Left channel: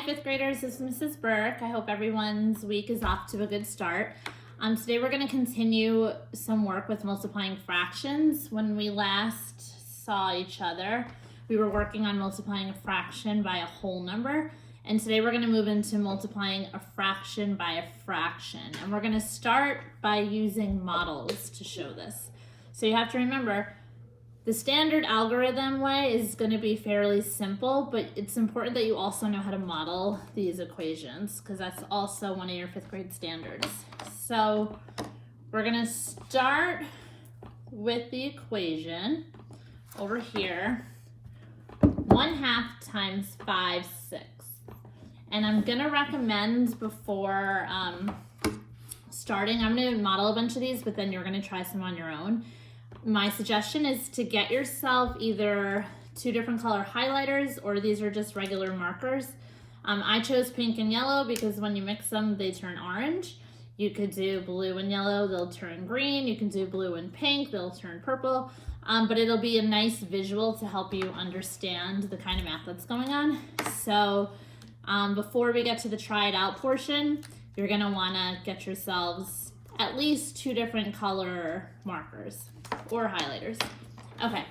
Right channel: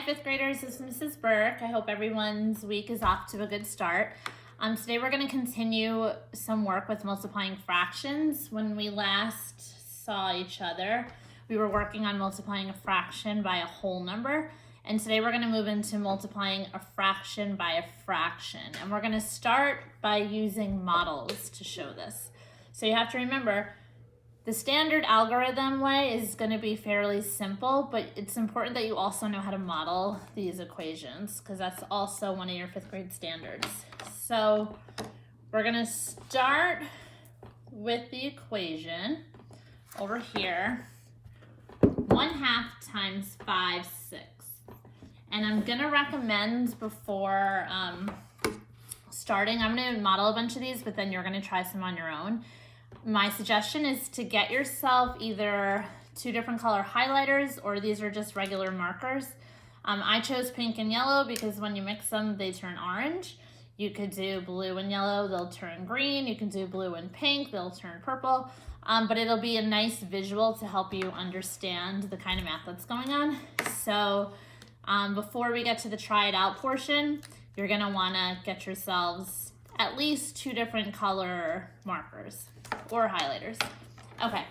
Hi, fifth graders, this is Mrs. Burke. I hope everyone's week is off to a good start. Today we're going to continue some work with multiplying fractions. When we last saw each other, we were working on multiplying a fraction by a whole number. And today we're going to move into multiplying a fraction by a fraction. And we're going to start by using models to show this. So you have to remember, the standard algorithm way is going to be fairly simple, but it's important that you also know how to model these equations because that's also one of your fifth grade standards. So we're going to start with the equation over here, 1/2 times 5/6. And I'm going to recommend before starting, I'm going to model a bunch of these, but then you're going to try some on your own. My suggestion is to get yourself either 2 different color highlighters or these are just regular markers. I chose pink and yellow because when you mix them, they turn orange. You could do blue and yellow, they'll turn green. You can do blue and pink, they'll turn purple. But it'll be a nice visual to help you understand the kind of math that's going on. So before we get to the try it out portion, you're gonna wanna get yourselves at least 2 different color markers or highlighters. Okay,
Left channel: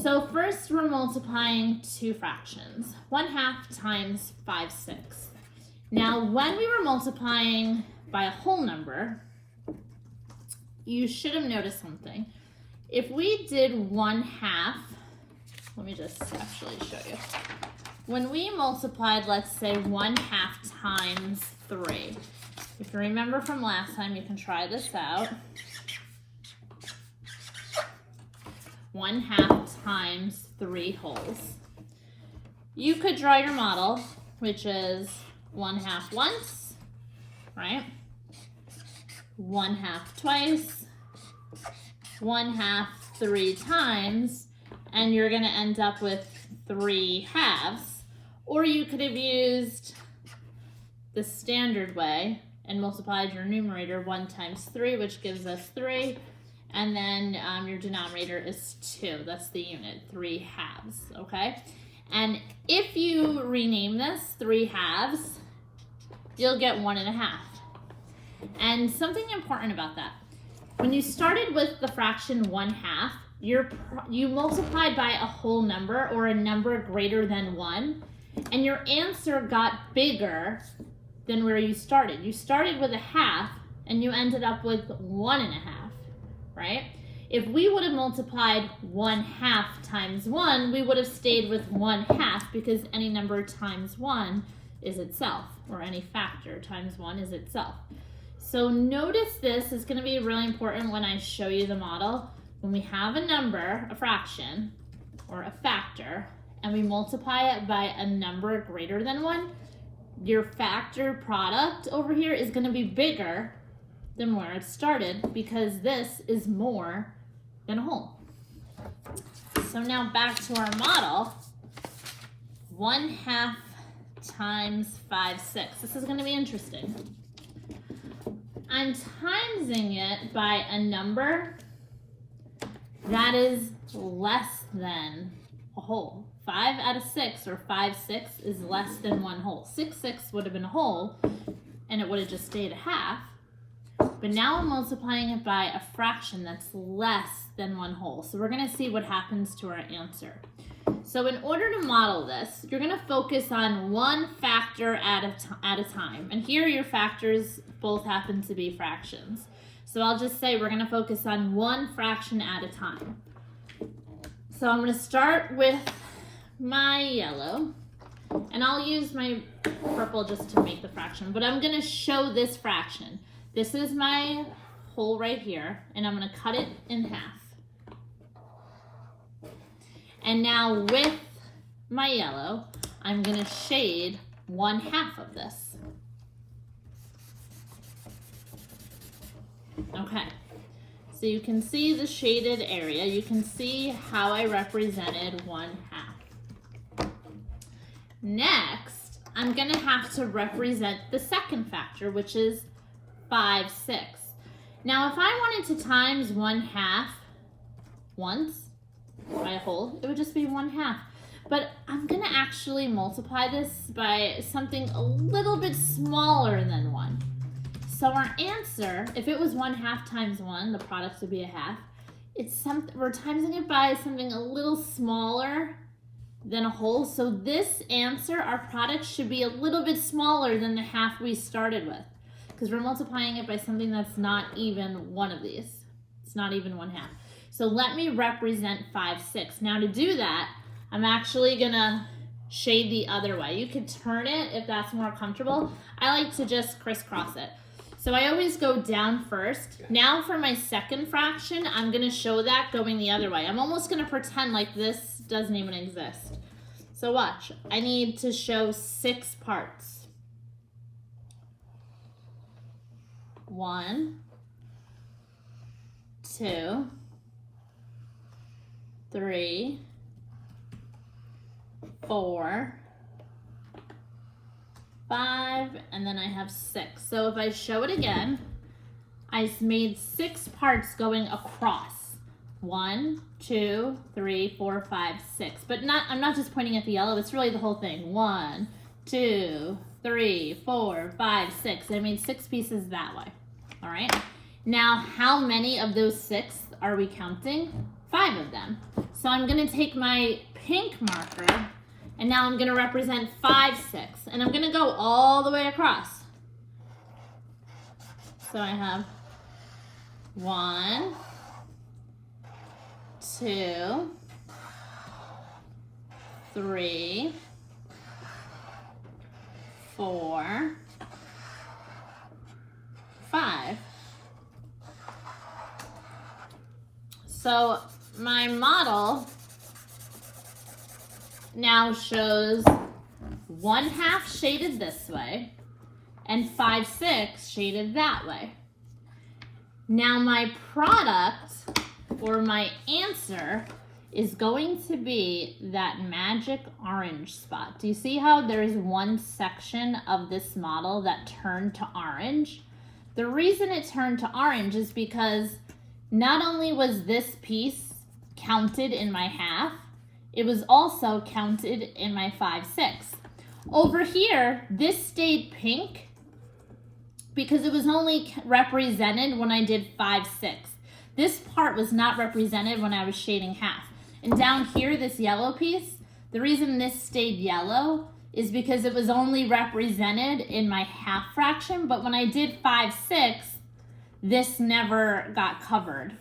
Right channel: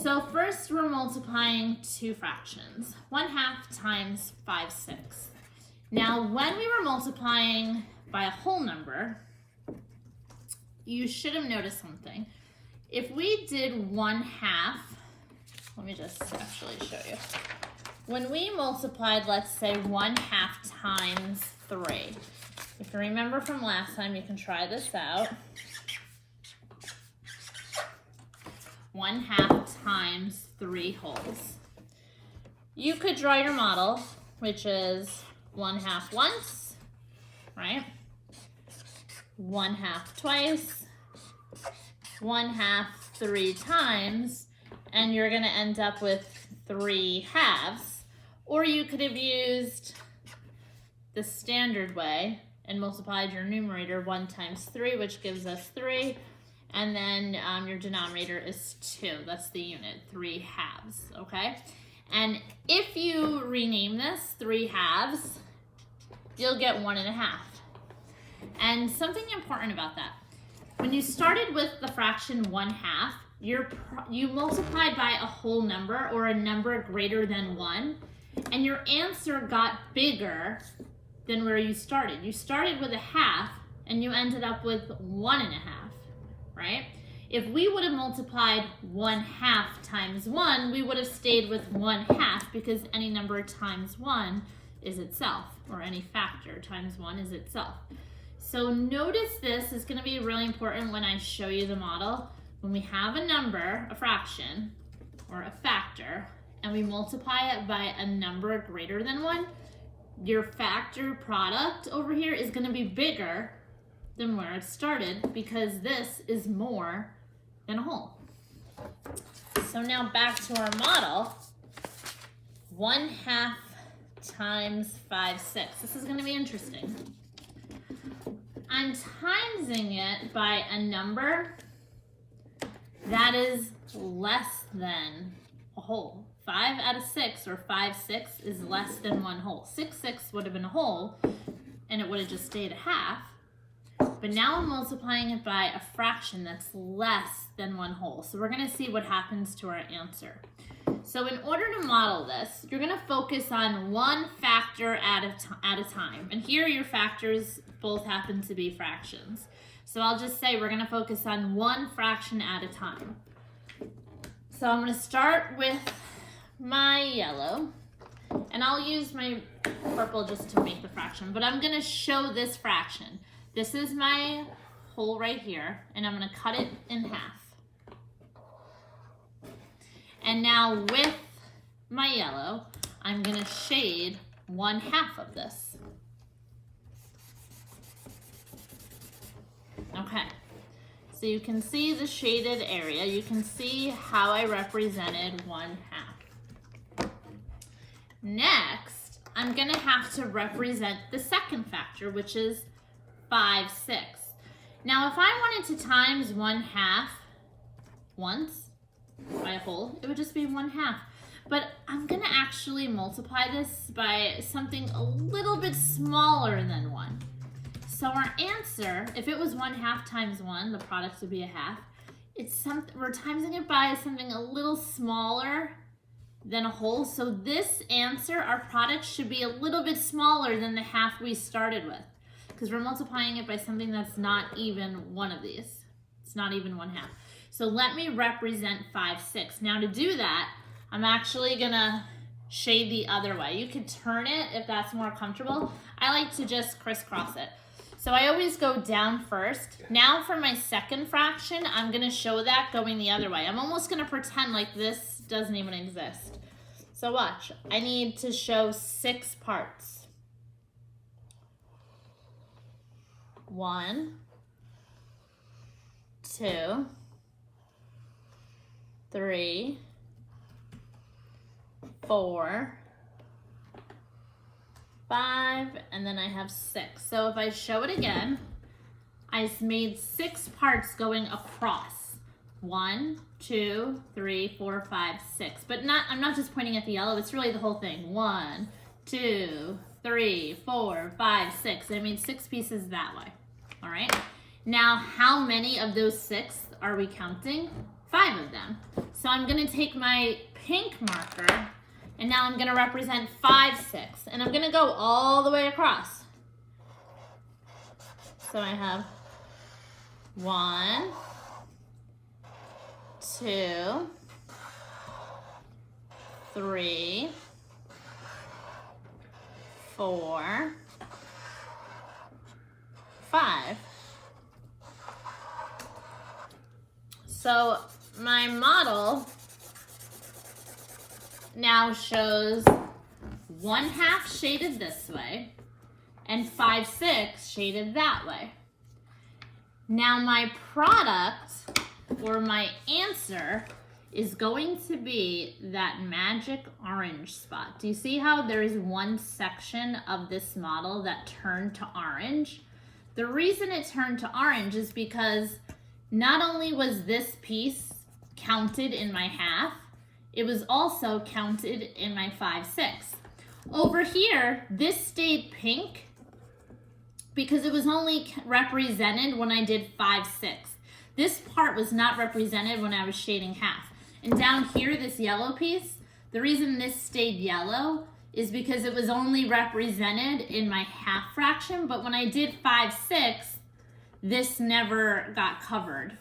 so first we're multiplying 2 fractions, 1/2 times 5/6. Now when we were multiplying by a whole number, you should have noticed something. If we did 1/2, let me just actually show you. When we multiplied, let's say 1/2 times 3. If you remember from last time, you can try this out. 1/2 times 3 wholes. You could draw your model, which is 1/2 once, right? 1/2 twice, 1/2 3 times, and you're gonna end up with 3 halves. Or you could have used the standard way and multiplied your numerator 1 times 3, which gives us 3. And then your denominator is 2. That's the unit, 3 halves, okay? And if you rename this 3 halves, you'll get 1/2. And something important about that, when you started with the fraction 1/2, you multiplied by a whole number or a number greater than 1, and your answer got bigger than where you started. You started with 1/2 and you ended up with 1/2, right? If we would have multiplied 1/2 times 1, we would have stayed with 1/2 because any number times 1 is itself, or any factor times 1 is itself. So notice this is going to be really important when I show you the model. When we have a number, a fraction, or a factor, and we multiply it by a number greater than 1, your factor product over here is going to be bigger than where it started because this is more than a whole. So now back to our model, 1/2 times 5/6. This is going to be interesting. I'm timesing it by a number that is less than a whole. 5 out of 6 or 5/6 is less than 1 whole. 6/6 would have been a whole and it would have just stayed 1/2. But now I'm multiplying it by a fraction that's less than 1 whole. So we're going to see what happens to our answer. So in order to model this, you're going to focus on one factor at a time. And here your factors both happen to be fractions. So I'll just say we're going to focus on one fraction at a time. So I'm going to start with my yellow. And I'll use my purple just to make the fraction. But I'm going to show this fraction. This is my whole right here. And I'm going to cut it in half. And now with my yellow, I'm going to shade 1/2 of this. Okay, so you can see the shaded area. You can see how I represented 1/2. Next, I'm going to have to represent the second factor, which is 5/6. Now, if I wanted to times 1/2 once by a whole, it would just be 1/2. But I'm gonna actually multiply this by something a little bit smaller than 1. So our answer, if it was 1/2 times 1, the product would be 1/2. We're timesing it by something a little smaller than a whole. So this answer, our product, should be a little bit smaller than the 1/2 we started with, because we're multiplying it by something that's not even one of these. It's not even 1/2. So let me represent 5/6. Now to do that, I'm actually gonna shade the other way. You could turn it if that's more comfortable. I like to just crisscross it. So I always go down first. Now for my second fraction, I'm gonna show that going the other way. I'm almost gonna pretend like this doesn't even exist. So watch, I need to show 6 parts. 1, 2, 3, 4, 5, and then I have 6. So if I show it again, I made 6 parts going across. 1, 2, 3, 4, 5, 6. But I'm not just pointing at the yellow, it's really the whole thing. 1, 2, 3, 4, 5, 6. I made 6 pieces that way. All right. Now, how many of those 6 are we counting? 5 of them. So I'm gonna take my pink marker, and now I'm gonna represent 5/6, and I'm gonna go all the way across. So I have 1, 2, 3, 4, 5. So my model now shows 1/2 shaded this way and 5/6 shaded that way. Now my product, or my answer, is going to be that magic orange spot. Do you see how there is one section of this model that turned to orange? The reason it turned to orange is because not only was this piece counted in my 1/2, it was also counted in my 5/6. Over here, this stayed pink because it was only represented when I did 5/6. This part was not represented when I was shading 1/2. And down here, this yellow piece, the reason this stayed yellow is because it was only represented in my 1/2 fraction, but when I did 5/6, this never got covered.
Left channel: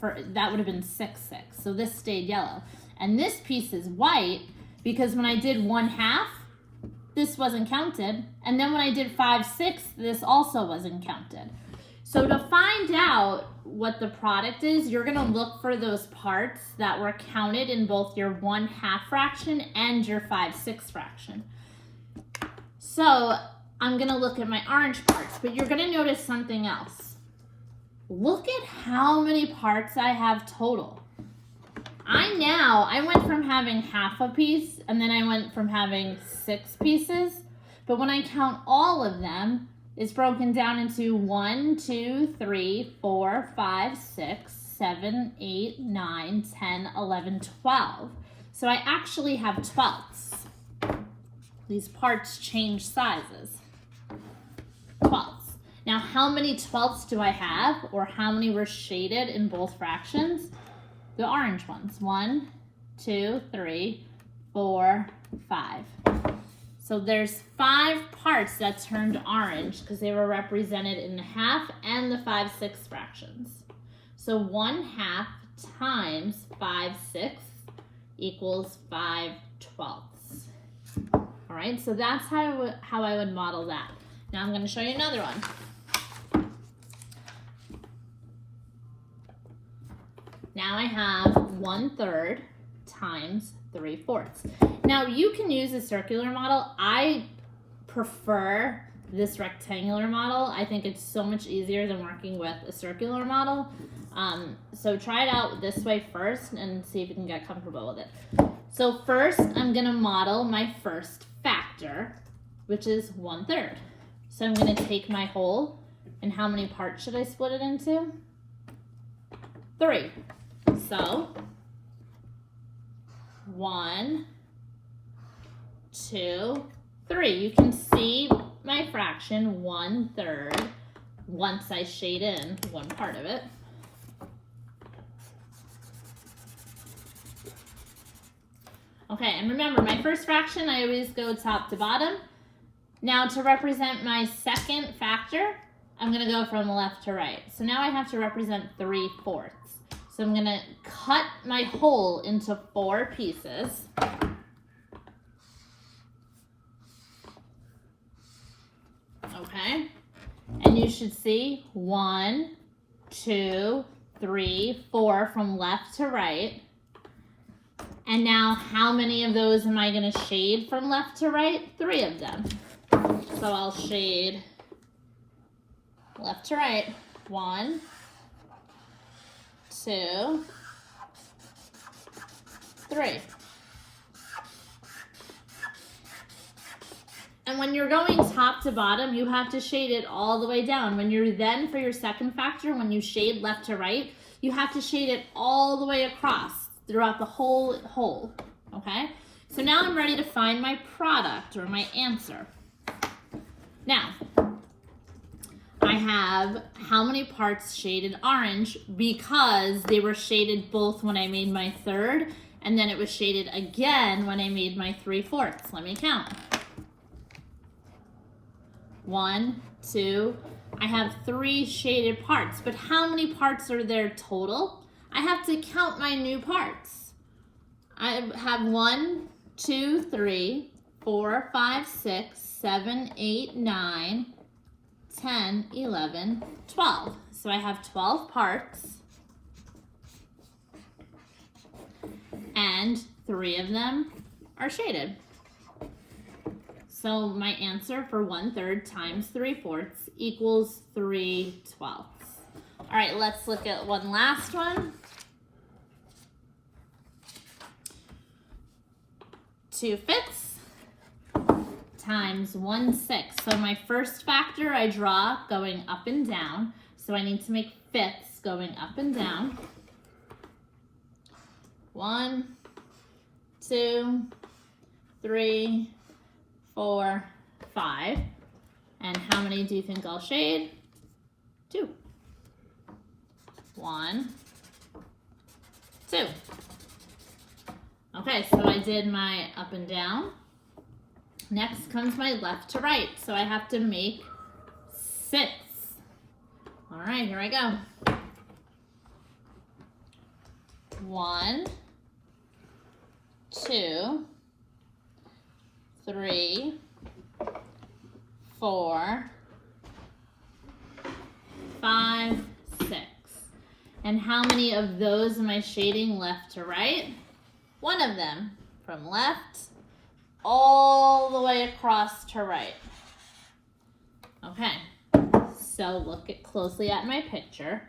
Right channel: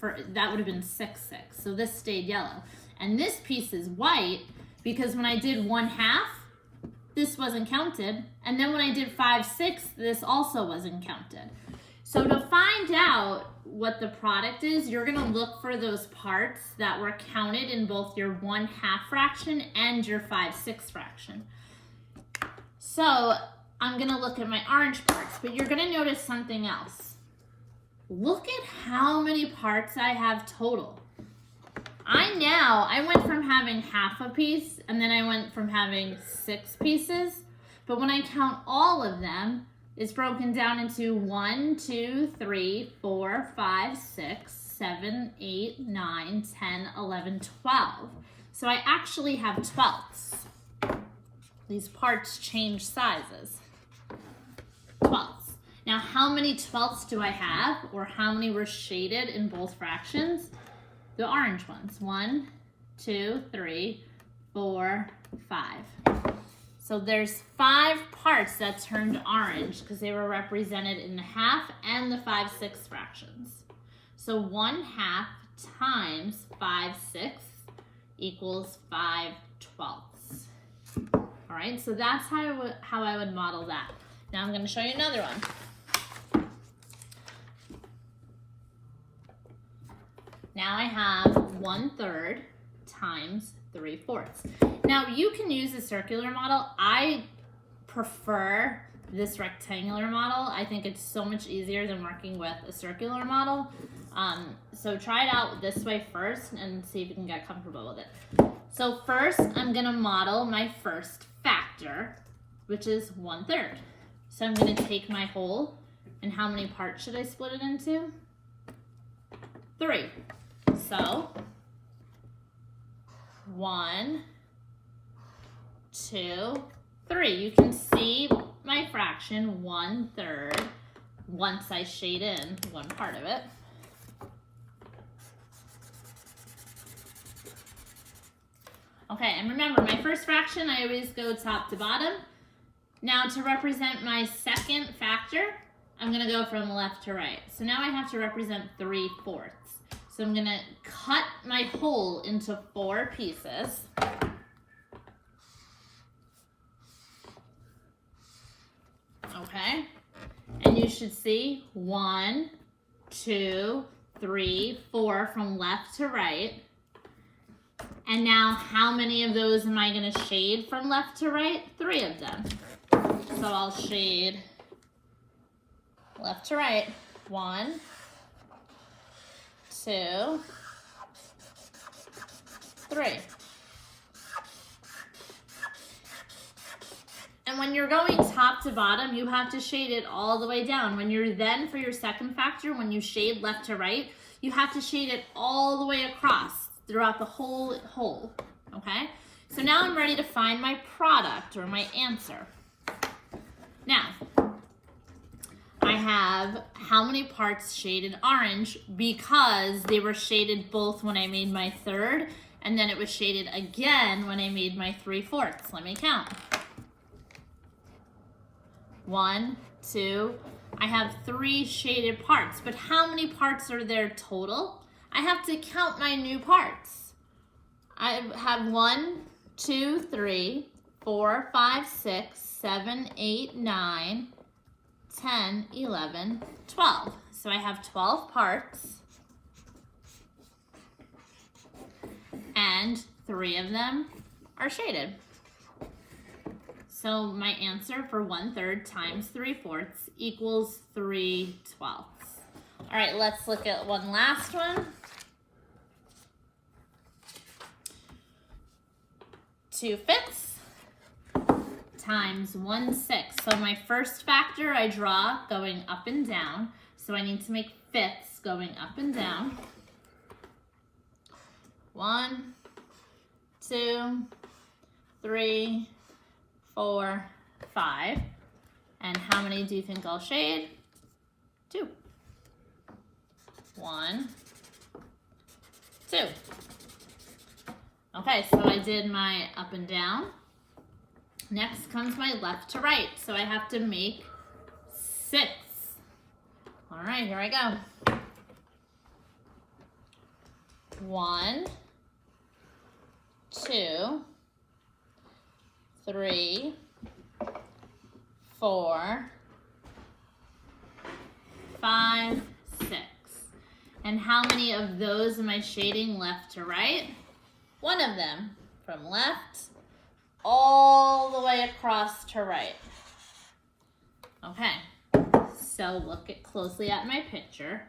That would have been 6/6, so this stayed yellow. And this piece is white because when I did 1/2, this wasn't counted, and then when I did 5/6, this also wasn't counted. So to find out what the product is, you're gonna look for those parts that were counted in both your 1/2 fraction and your 5/6 fraction. So I'm gonna look at my orange parts, but you're gonna notice something else. Look at how many parts I have total. I went from having 1/2 a piece, and then I went from having 6 pieces, but when I count all of them, it's broken down into 1, 2, 3, 4, 5, 6, 7, 8, 9, 10, 11, 12. So I actually have 12ths. These parts change sizes. 12ths. Now, how many 12ths do I have, or how many were shaded in both fractions? The orange ones. 1, 2, 3, 4, 5. So there's 5 parts that turned orange because they were represented in the 1/2 and the 5/6 fractions. So 1/2 times 5/6 equals 5/12. All right, so that's how I would model that. Now I'm going to show you another one. Now I have 1/3 times 3/4. Now you can use a circular model. I prefer this rectangular model. I think it's so much easier than working with a circular model. So try it out this way first and see if you can get comfortable with it. So first I'm gonna model my first factor, which is 1/3. So I'm gonna take my whole, and how many parts should I split it into? 3. So 1, 2, 3. You can see my fraction 1/3 once I shade in one part of it. Okay, and remember, my first fraction, I always go top to bottom. Now to represent my second factor, I'm gonna go from left to right. So now I have to represent 3/4. So I'm gonna cut my whole into 4 pieces. Okay, and you should see 1, 2, 3, 4 from left to right. And now how many of those am I gonna shade from left to right? 3 of them. So I'll shade left to right. 1, 2, 3. And when you're going top to bottom, you have to shade it all the way down. When you're then, for your second factor, when you shade left to right, you have to shade it all the way across throughout the whole hole, okay? So now I'm ready to find my product or my answer. Now, I have how many parts shaded orange because they were shaded both when I made my third and then it was shaded again when I made my 3/4. Let me count. 1, 2, I have 3 shaded parts, but how many parts are there total? I have to count my new parts. I have 1, 2, 3, 4, 5, 6, 7, 8, 9, 10, 11, 12. So I have 12 parts and 3 of them are shaded. So my answer for 1/3 times 3/4 equals 3/12. All right, let's look at one last one. 2/5 times 1/6. So my first factor I draw going up and down. So I need to make fifths going up and down. 1, 2, 3, 4, 5. And how many do you think I'll shade? 2. 1, 2. Okay, so I did my up and down. Next comes my left to right. So I have to make 6. All right, here I go. 1, 2, 3, 4, 5, 6. And how many of those am I shading left to right? 1 of them, from left all the way across to right. Okay, so look closely at my picture.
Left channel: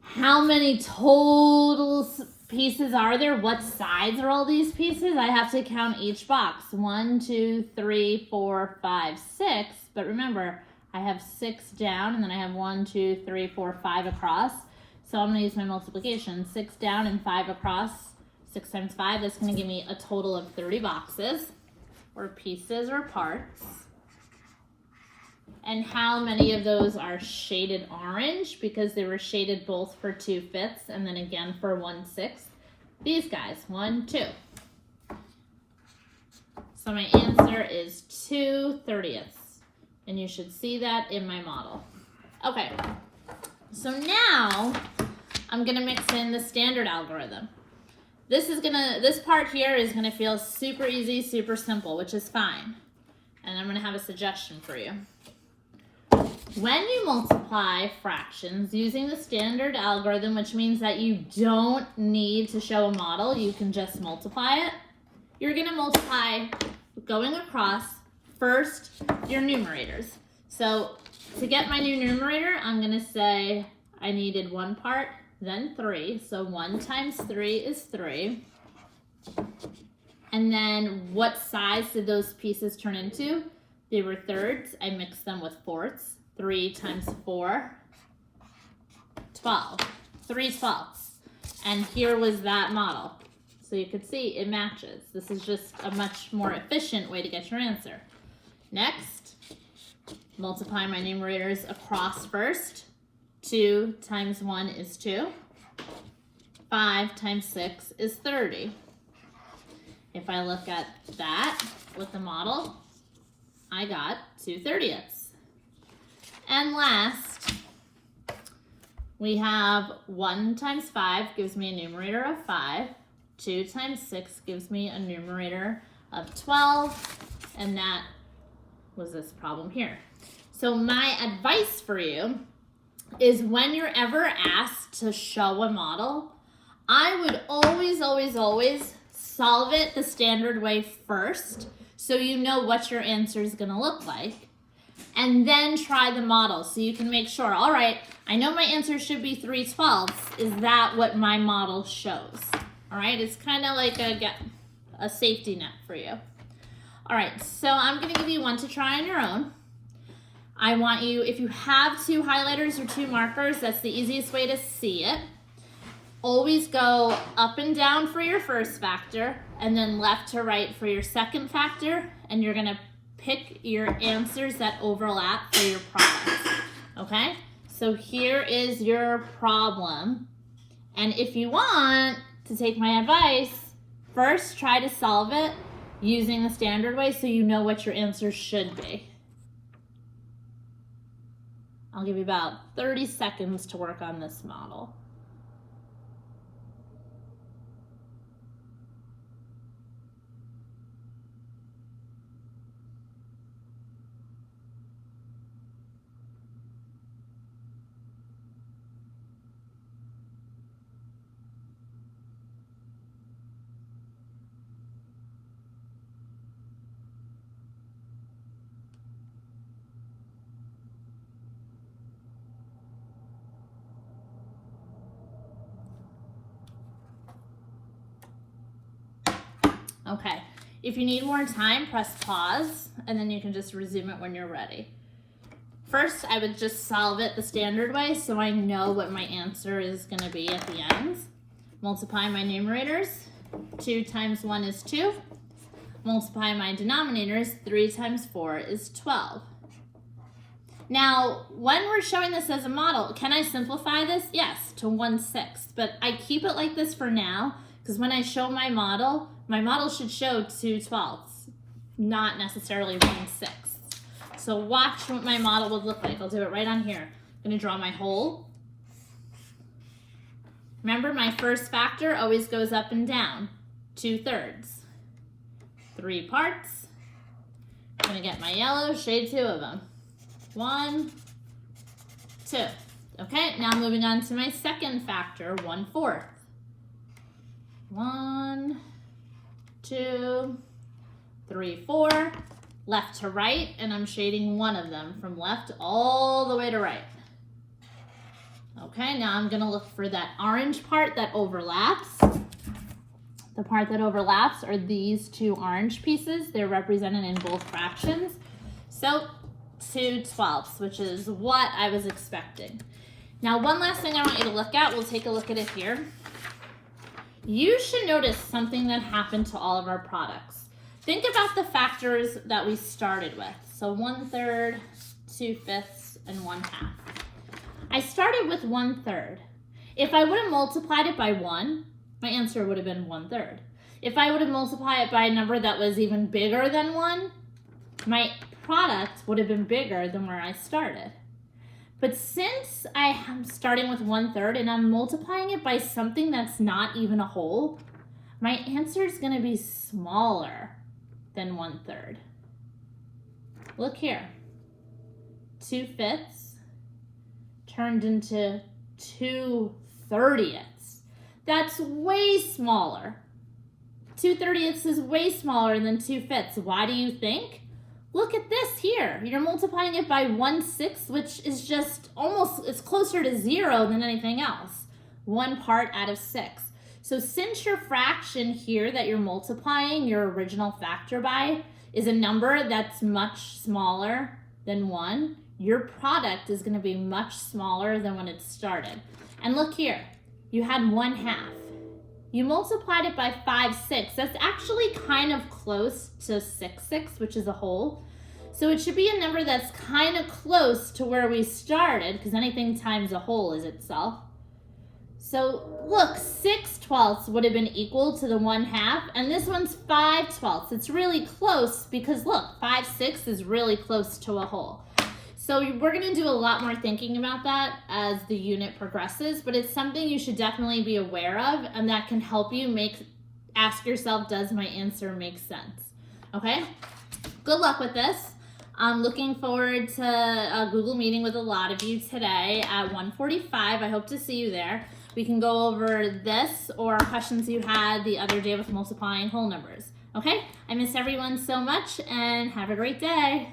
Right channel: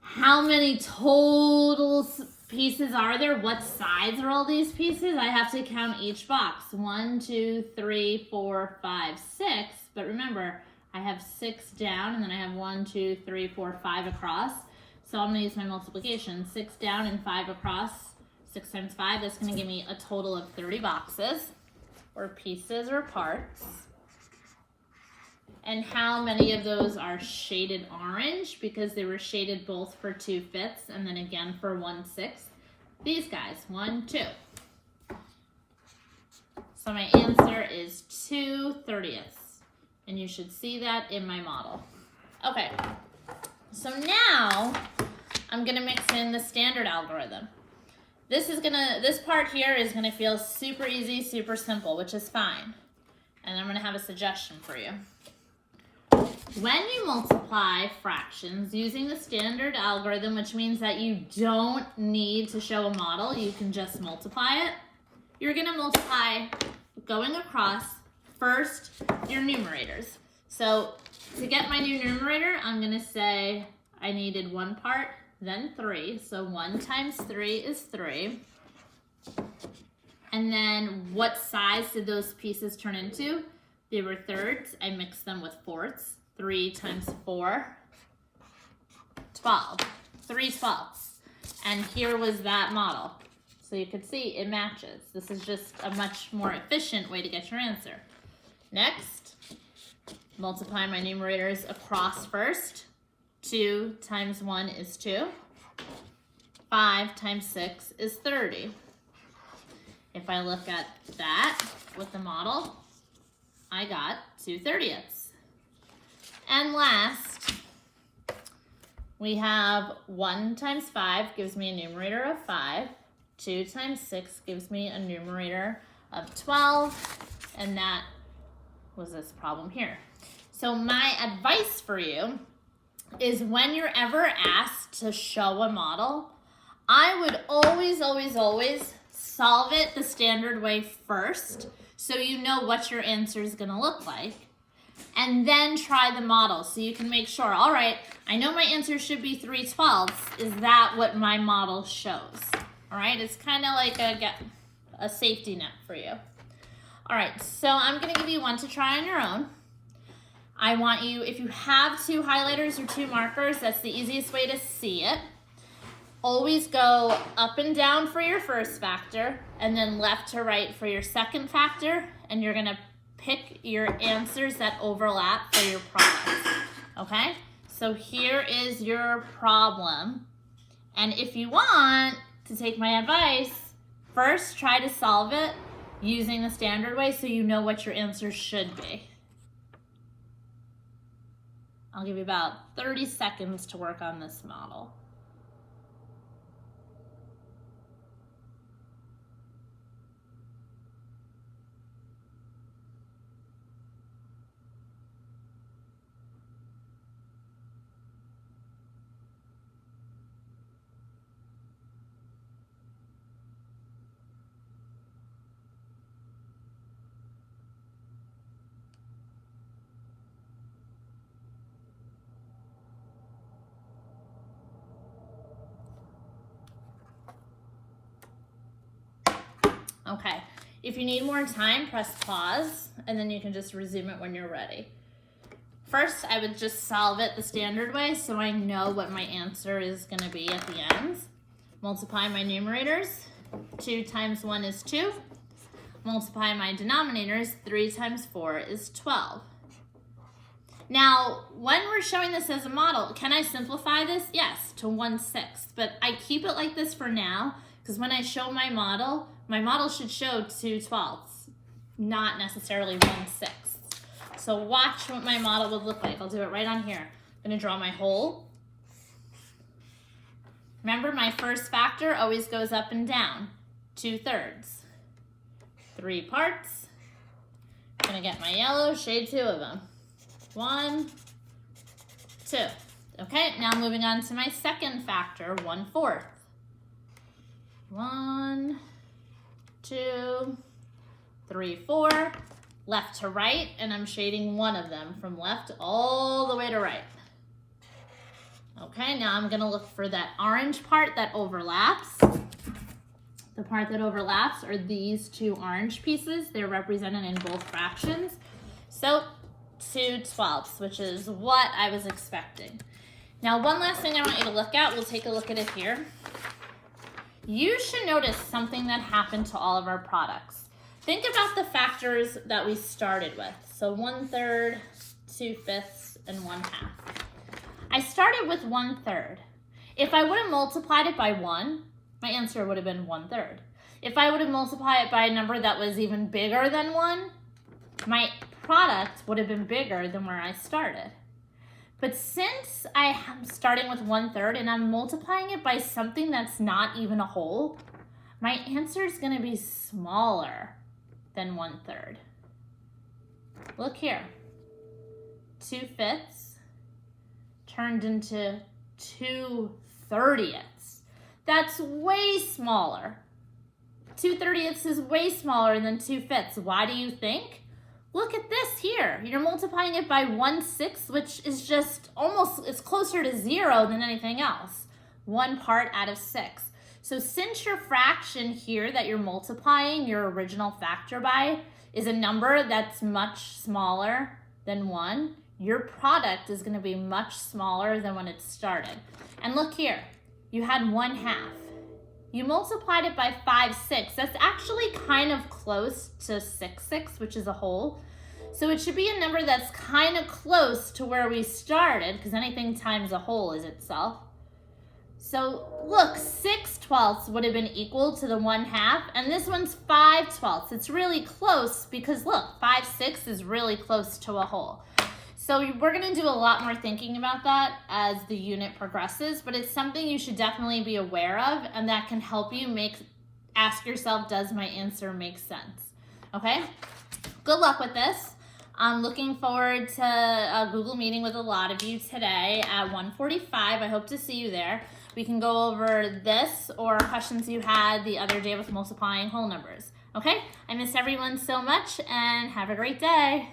How many total pieces are there? What size are all these pieces? I have to count each box. 1, 2, 3, 4, 5, 6. But remember, I have 6 down and then I have 1, 2, 3, 4, 5 across. So I'm gonna use my multiplication. 6 down and 5 across. 6 times 5, that's gonna give me a total of 30 boxes or pieces or parts. And how many of those are shaded orange because they were shaded both for 2/5 and then again for 1/6? These guys, 1, 2. So my answer is 2/30. And you should see that in my model. Okay, so now I'm gonna mix in the standard algorithm. This part here is gonna feel super easy, super simple, which is fine. And I'm gonna have a suggestion for you. When you multiply fractions using the standard algorithm, which means that you don't need to show a model, you can just multiply it. You're gonna multiply going across first your numerators. So to get my new numerator, I'm gonna say I needed 1 part, then 3. So 1 times 3 is 3. And then what size did those pieces turn into? They were thirds. I mixed them with fourths. 3 times 4, 12. 3/12. And here was that model. So you could see it matches. This is just a much more efficient way to get your answer. Next, multiply my numerators across first. 2 times 1 is 2. 5 times 6 is 30. If I look at that with the model, I got 2/30. And last, we have 1 times 5 gives me a numerator of 5. 2 times 6 gives me a numerator of 12. And that was this problem here. So my advice for you is when you're ever asked to show a model, I would always solve it the standard way first so you know what your answer is going to look like. And then try the model so you can make sure, all right, I know my answer should be 3/12. Is that what my model shows? All right, it's kind of like a safety net for you. All right, so I'm going to give you one to try on your own. I want you, if you have 2 highlighters or 2 markers, that's the easiest way to see it. Always go up and down for your first factor and then left to right for your second factor, and you're going to pick your answers that overlap for your product. Okay? So here is your problem. And if you want to take my advice, first try to solve it using the standard way so you know what your answer should be. I'll give you about 30 seconds to work on this model. Okay, if you need more time, press pause, and then you can just resume it when you're ready. First, I would just solve it the standard way so I know what my answer is going to be at the end. Multiply my numerators. 2 times 1 is 2. Multiply my denominators. 3 times 4 is 12. Now, when we're showing this as a model, can I simplify this? Yes, to 1/6, but I keep it like this for now because when I show my model should show 2/12, not necessarily 1/6. So watch what my model would look like. I'll do it right on here. I'm going to draw my hole. Remember, my first factor always goes up and down. 2/3. 3 parts. I'm going to get my yellow, shade 2 of them. 1, 2. Okay, now moving on to my second factor, 1/4. 1, 2, 3, 4. Left to right, and I'm shading one of them from left all the way to right. Okay, now I'm gonna look for that orange part that overlaps. The part that overlaps are these 2 orange pieces. They're represented in both fractions. So 2/12, which is what I was expecting. Now, one last thing I want you to look at, we'll take a look at it here. You should notice something that happened to all of our products. Think about the factors that we started with. So 1/3, 2/5, and 1/2. I started with 1/3. If I would have multiplied it by 1, my answer would have been 1/3. If I would have multiplied it by a number that was even bigger than 1, my product would have been bigger than where I started. But since I am starting with 1/3 and I'm multiplying it by something that's not even a whole, my answer is going to be smaller than 1/3. Look here. 2/5 turned into 2/30. That's way smaller. 2/30 is way smaller than 2/5. Why do you think? Look at this here. You're multiplying it by 1/6, which is just almost, it's closer to 0 than anything else. 1 part out of 6. So since your fraction here that you're multiplying your original factor by is a number that's much smaller than 1, your product is going to be much smaller than when it started. And look here, you had 1/2. You multiplied it by 5 6. That's actually kind of close to 6 6, which is a whole. So it should be a number that's kind of close to where we started, because anything times a whole is itself. So look, 6/12 would have been equal to the 1/2, and this one's 5/12. It's really close because look, 5 6 is really close to a whole. So we're going to do a lot more thinking about that as the unit progresses, but it's something you should definitely be aware of, and that can help you ask yourself, does my answer make sense? Okay? Good luck with this. I'm looking forward to a Google meeting with a lot of you today at 1:45. I hope to see you there. We can go over this or questions you had the other day with multiplying whole numbers. Okay? I miss everyone so much, and have a great day.